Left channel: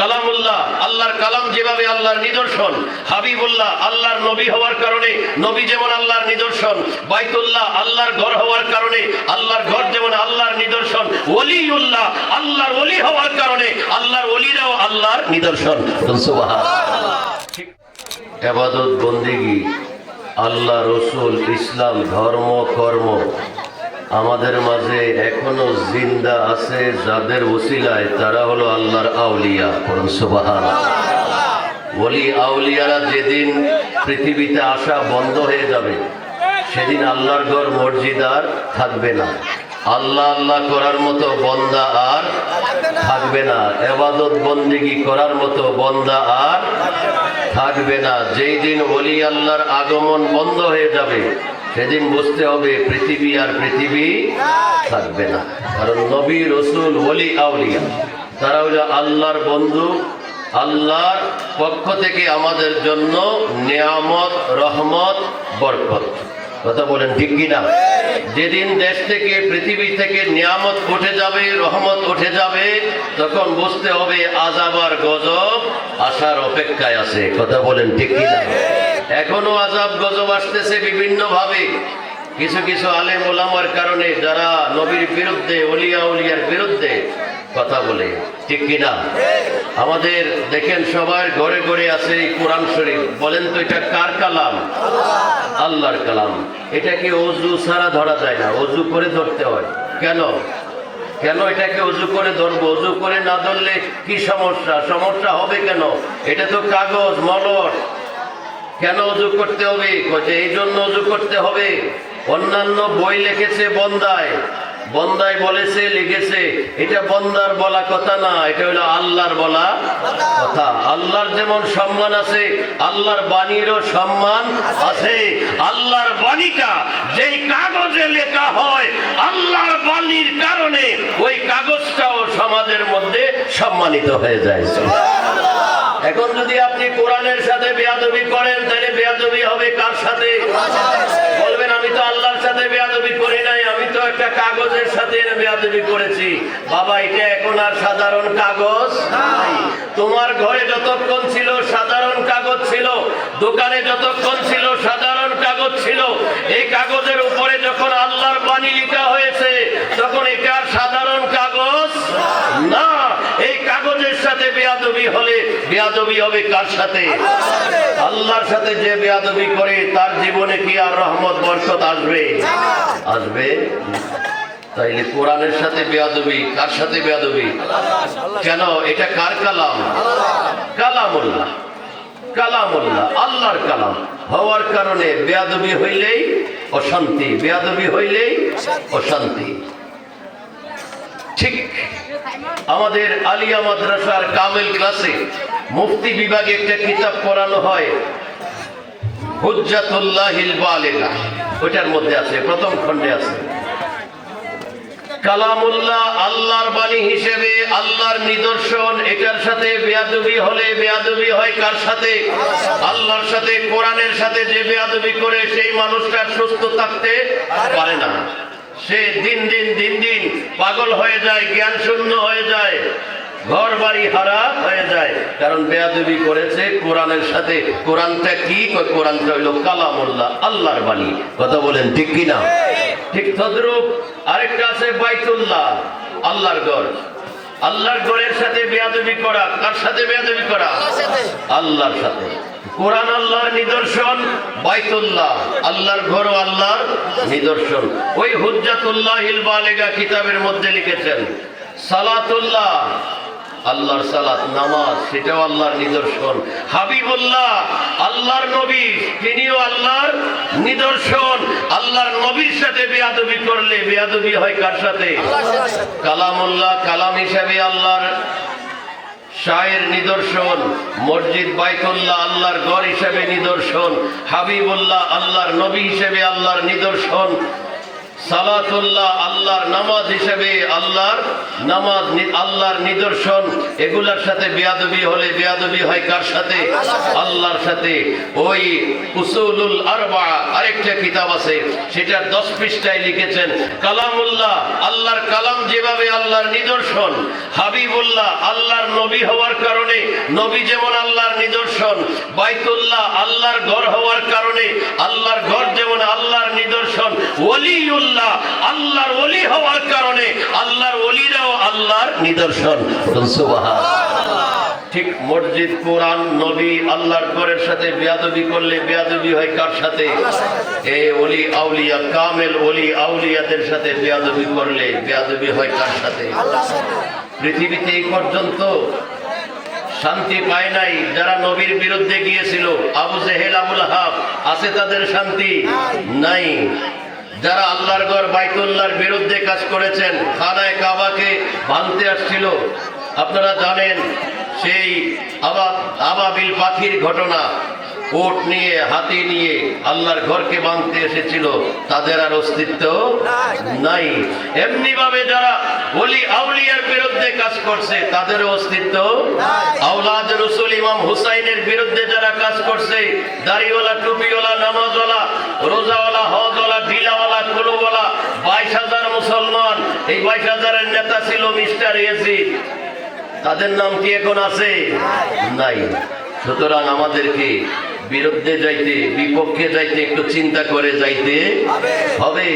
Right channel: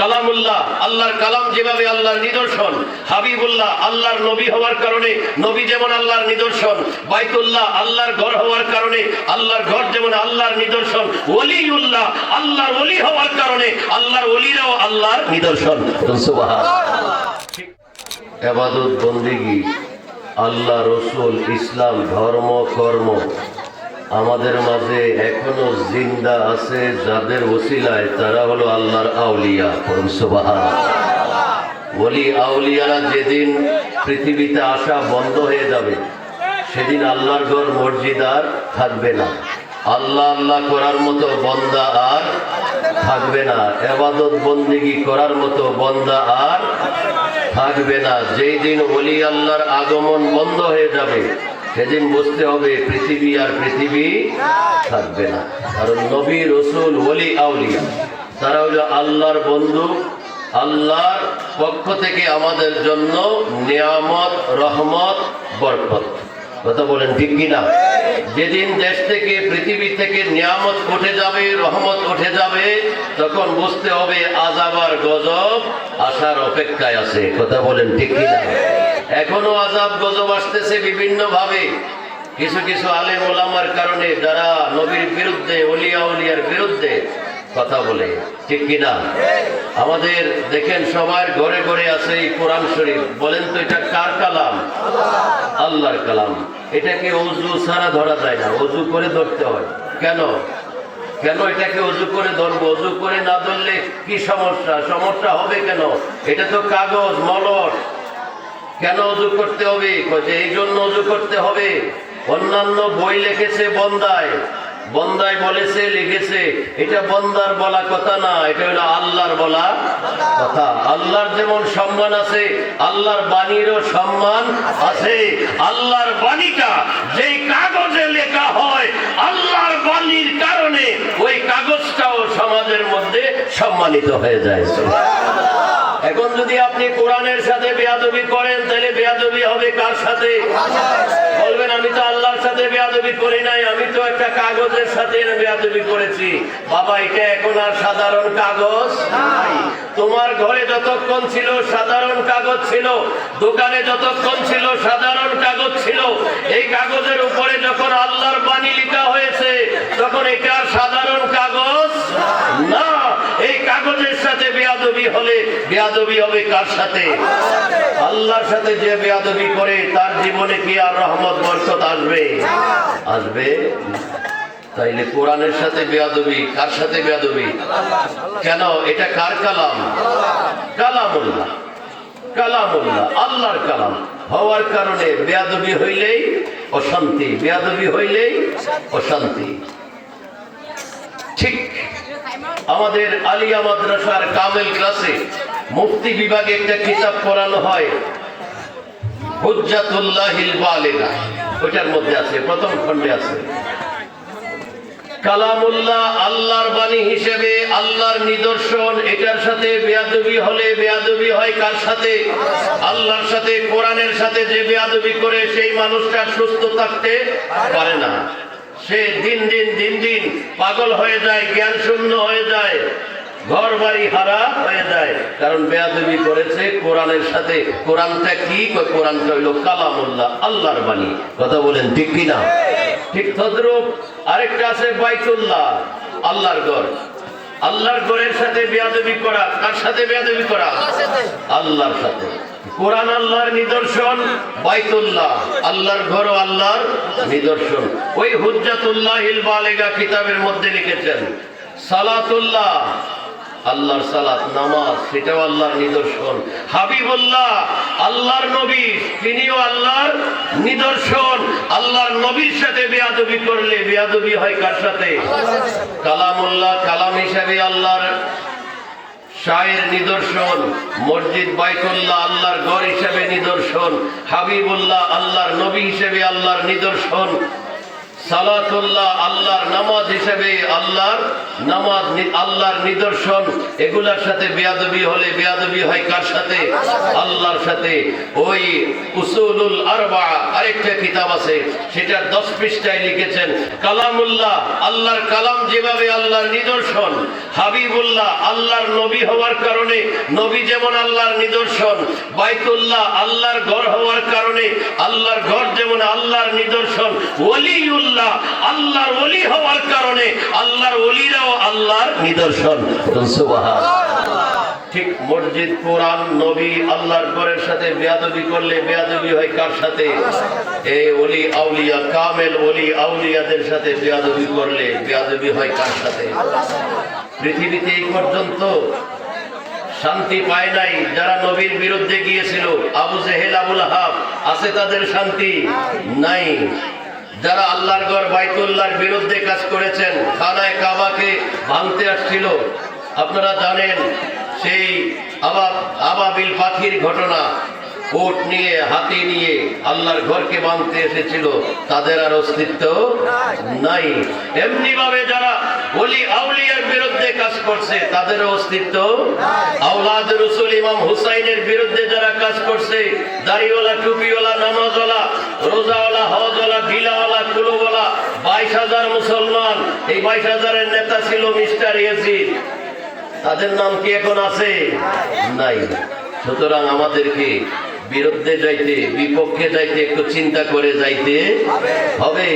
কালামুল্লাহ, আল্লাহর কালাম যেভাবে আল্লাহর নিদর্শন, হাবিবুল্লাহ, আল্লাহর নবী হওয়ার কারণে, নবী যেমন আল্লাহর নিদর্শন, বাইতুল্লাহ আল্লাহর ঘর হওয়ার কারণে, আল্লাহর ঘর যেমন আল্লাহর নিদর্শন, ওলিউল্লাহ আল্লাহর ওলি হওয়ার কারণে, আল্লাহর ওলিরাও আল্লাহর নিদর্শন। এবাদত বন্দিগি, আল্লাহ রসুল, ইসলাম, ধর্ম, কর্ম আমাদের মাঝে এখনও জিন্দা আছে যাদের ওসিলায় তারা হলো আল্লাহর আউলিয়া সুবাহান বলি আউলিয়ারা যেদিন পৃথিবীতে আসা বন্ধ হয়ে যাবে, সেদিন আল্লাহর ঘর মসজিদ আর থাকবে না। আল্লাহ আল্লাহ করার মতো বন্দা আর থাকবে না। এবাদত বন্দিগি করার মতো বন্দা আর থাকবে না। যেই দিন ওলি আল্লাহর আগমন বন্ধ হয়ে যাবে সেদিন বুঝতে হবে পৃথিবী আর পৃথিবী থাকবে না। কারণ নবী, রসুল, ওলি, আউলিয়া, তারা হলো আল্লাহর বন্ধু, আল্লাহর পক্ষ থেকে আমাদের জন্য নিয়ামত, রহমত, বরকত। কথা বলেন ঠিক কিনা? যেদিন দেশ থেকে, পৃথিবী থেকে নিয়ামত উঠে যাবে, রহমত উঠে যাবে, তখন বুঝতে হবে আজাবার গজব আসার অপেক্ষায় আছে। কথা বলেন ঠিক কিনা? এখনও আজাব গজব আসতেছে বিভিন্ন ভাবে কিছু কিছু আলেম ওলামার কারণে যারা নবীর বিরুদ্ধে অলিয়া উলিয়ার বিরুদ্ধে কথা বলে, ঠিক কিনা? আমাদের দেখেন সবার ঘরে ঘরে আছে এই কোরআন শরীফ। বলেন তো এটা কার কালাম? আল্লাহর কালাম। এটাকে অজু ছাড়া ধরা যায় না, অজু করে ধরতে হয়। কেন? কেন এটাকে অজু করে ধরবো? অজু করে না ধরলে কি সমস্যা? সমস্যা হবে কেন? এটা তো কাগজ, মলট। কেন অজু করতে হবে? এই জন্য অজু করতে হবে। অন্যান্য বই লিখেছে বন্দায়। বন্দায় বলেছে, লিখেছে। এটা বন্দার বলা কথা না, এটা হলো আল্লাহর বলা কথা। আল্লাহর যেমন সম্মান আছে, আল্লাহর বাণীরও সম্মান আছে। আল্লাহর বাণীটা যেই কাগজে লেখা হয়, আল্লাহর বাণীর কারণে ওই কাগজটাও সমাজের মধ্যে সম্মানিত হয়ে যায়। এখন যদি আপনি কোরআনের সাথে বেয়াদবি করেন, তাহলে বেয়াদবি হবে কার সাথে? বলবেন, আমি তো আল্লাহর সাথে বেয়াদবি করি নাই, আমি তো একটা কাগজের সাথে বেয়াদবি করেছি। বাবা, এটা এখন আর সাধারণ কাগজ তোমার ঘরে যতক্ষণ ছিল সাধারণ কাগজ ছিল, দোকানে যতক্ষণ ছিল সাধারণ কাগজ ছিল এই কাগজের উপরে যখন আল্লাহর বাণী লেখা হয়েছে তখন এটা আর সাধারণ কাগজ না কাগজের সাথে বেয়াদবি হলে বেয়াদবি হবে কার সাথে? আল্লাহর সাথে যে বেয়াদবি করে, তার জীবনে কি আর রহমত, বরকত আসবে? আসবে। তাইলে কোরআনের সাথে বেয়াদবি, কার সাথে বেয়াদবি? কেন? এটা কার কালাম? কালামুল্লাহ। কালামুল্লাহ, আল্লাহর কালাম। হওয়ার কারণে বেয়াদবি হইলেই অশান্তি, বেয়াদবি হইলেই অশান্তি। ঠিক আমাদের আলিয়া মাদ্রাসার কামেল ক্লাসে মুফতি বিভাগে একটা কিতাব পড়ানো হয় বালিগা। ওইটার মধ্যে আছে, প্রথম খণ্ডে আছে। কালামুল্লাহ আল্লাহর বাণী হিসেবে আল্লাহর নিদর্শন, এটার সাথে বেয়াদবি হলে বেয়াদবি হয় কার সাথে? আল্লাহর সাথে, কোরআনের সাথে যে বেয়াদবি করে সেই মানুষটা সুস্থ থাকতে পারে না। সে দিন দিন দিন দিন পাগল হয়ে যায়, জ্ঞান শূন্য হয়ে যায় ঘর বাড়ি হারা হয়ে যায়। কারণ বেয়াদবি করেছে কোরআনের সাথে। কোরআনটা কি? কোরআনটা হইল কালামুল্লাহ, আল্লাহর বাণী। কথা বলেন ঠিক কিনা? ঠিক তদ্রুপ। আরেকটা আছে বাইতুল্লাহ, আল্লাহর ঘর। আল্লাহর ঘরের সাথে বেয়াদবি করা তার সাথে বেয়াদবি করা? আল্লাহর সাথে। কোরআন আল্লাহর নিদর্শন বাইতুল্লাহ আল্লাহর ঘর ও আল্লাহর নিদর্শন। ওই হুজ্জাতুল্লাহ বালেগা কিতাবের মধ্যে লিখেছেন সালাতুল্লাহ আল্লাহর সালাত, নামাজ, সেটাও আল্লাহর নিদর্শন। হাবিবুল্লাহ, আল্লাহর নবী, তিনিও আল্লাহর নিদর্শন। আল্লাহর নবীর সাথে বেয়াদবি করলে বেয়াদবি হয় কার সাথে? কালামুল্লাহ, কালাম হিসাবে আল্লাহর শায়ের নিদর্শন। মসজিদ বাইতুল্লাহ, আল্লাহর গড় হিসেবে নিদর্শন। হাবিবুল্লাহ, আল্লাহর নবী হিসেবে আল্লাহর নিদর্শন। সালাতুল্লাহ আল্লাহর নামাজ হিসেবে আল্লাহর নামাজ আল্লাহর নিদর্শন, এগুলার সাথে বেয়াদবি হলে বেয়াদবি হয় কার সাথে? আল্লাহর সাথে। ওই উসুলুল আরবা, আরেকটা কিতাব আছে, সেটার দশ পৃষ্ঠায় লিখেছেন, কালামুল্লাহ, আল্লাহর কালাম যেভাবে আল্লাহর নিদর্শন, হাবিবুল্লাহ, আল্লাহর নবী হওয়ার কারণে, নবী যেমন আল্লাহর নিদর্শন, বাইতুল্লাহ আল্লাহর ঘর হওয়ার কারণে, আল্লাহর ঘর যেমন আল্লাহর নিদর্শন ওলিউল্লাহ আল্লাহর হওয়ার কারণে আল্লাহর আল্লাহর নিদর্শন। মসজিদ, কোরআন, নবী, আল্লাহর ঘরের সাথে বেয়াদবি করলে বেয়াদবি হয় কার সাথে? এ আউলিয়া, কামেল আউলিয়াদের সাথে বেয়াদবি করলে বেয়াদবি হয় কার সাথে? পৃথিবীতে এই পর্যন্ত শান্তি পায় নাই, যারা নবীর বিরুদ্ধে গিয়েছিল, আবু জেহেল, আবুল হাব আছে তাদের শান্তি? নাই। যারা আল্লাহর ঘর বাইতুল্লাহর বিরুদ্ধে কাজ করেছেন, খানায় কাবাকে ভাঙতে আসছিল। আপনারা জানেন সেই আবা আবাবিল পাখির ঘটনা। ওট নিয়ে, হাতি নিয়ে আল্লাহর ঘরকে বাঁধতে এসেছিল। তাদের আর অস্তিত্ব নাই। এমনি ভাবে যারা ওলি আউলিয়ার বিরুদ্ধে কাজ করছে তাদের অস্তিত্ব আওলাদ রসুল ইমাম হুসাইনের বিরুদ্ধে যারা কাজ করছে, দাড়িওয়ালা, টুপিওয়ালা, নামাজওয়ালা, রোজাওয়ালা, হজওয়ালা, ঢিলাওয়ালা, কুলোওয়ালা, বাইশ হাজার মুসলমান, এই বাইশ হাজারের নেতা ছিল মিস্টার ইয়াজিদ। তাদের নাম কি এখন আছে? নাই। সুতরাং আমাদেরকে বিরুদ্ধে যাইতে, বিপক্ষে যাইতে একটু চিন্তা করে যাইতে হবে।